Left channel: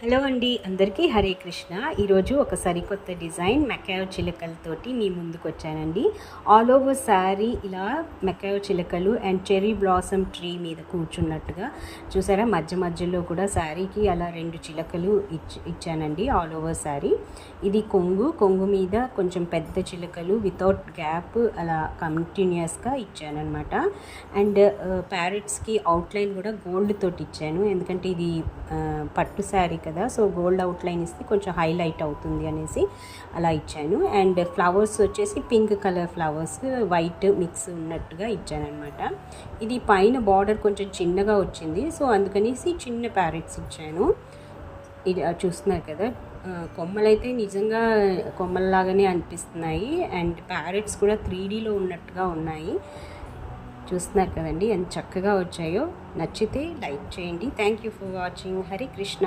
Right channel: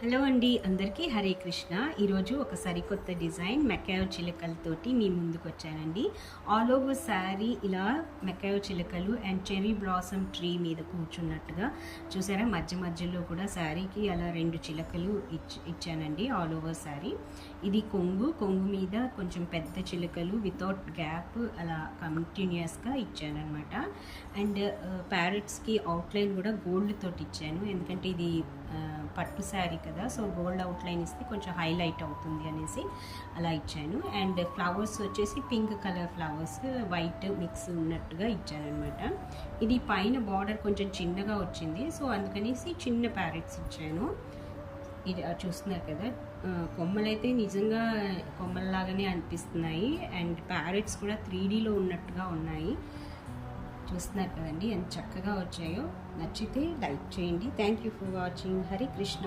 Hello అండి, అందరికీ హరే కృష్ణ. ఈరోజు ఒక సరికొత్త డిజైన్ మెకాయో చిలకలతోటి మీ ముందుకు వచ్చానండి. ఆల్ ఓవర్ శారీ ఇలా మెకాయో చిలకలు అండ్ చెర్రీ బ్లాసమ్ ట్రీ మీద కూర్చున్నట్టుగా చూసారా. మధ్య మధ్యలో కూడా శారీకి అలా 2 చిలకలు ఇచ్చానండి ఆల్ ఓవర్ శారీ. ఇది కొంగు మీద కొంచెం పెద్ద చిలకలు వితౌట్ గ్యాప్ అలా కంటిన్యూస్గా ఇచ్చానమాట. అండ్ ప్యారెట్స్కి అవుట్లైన్ కూడా గోల్డ్ తోటి ఇచ్చాను, ఎందుకంటే ఇది పట్టు శారీ కదా, సో గోల్డ్ అవుట్లైన్ ఇస్తే కొంచెం హైలైట్ అవుతుంది అనేసి అలా ఇచ్చాను. అండ్ ఫ్లవర్స్ వచ్చేసి pink colour flowers white mix ఉన్నట్టుగా ఇచ్చానమాట. ఇది పైన బార్డర్ కొంచెం చిన్నగా వచ్చింది, సో అందుకనేసి చిన్న ప్యారెట్స్ ఇచ్చాను. ఇది చూస్తున్నారు కదా, కొమ్మలైతే నిజంగా కొమ్మల్లాగానే అనిపిస్తున్నాయి. అండ్ ప్యారెట్స్ కూడా 3Dలో ఉన్నట్టుగా ఉన్నాయి. చూస్తున్నారు కదండి ఎంత చక్కగా వచ్చాయో. నచ్చితే లైక్ చేయండి. Thank you for watching. Hare Krishna.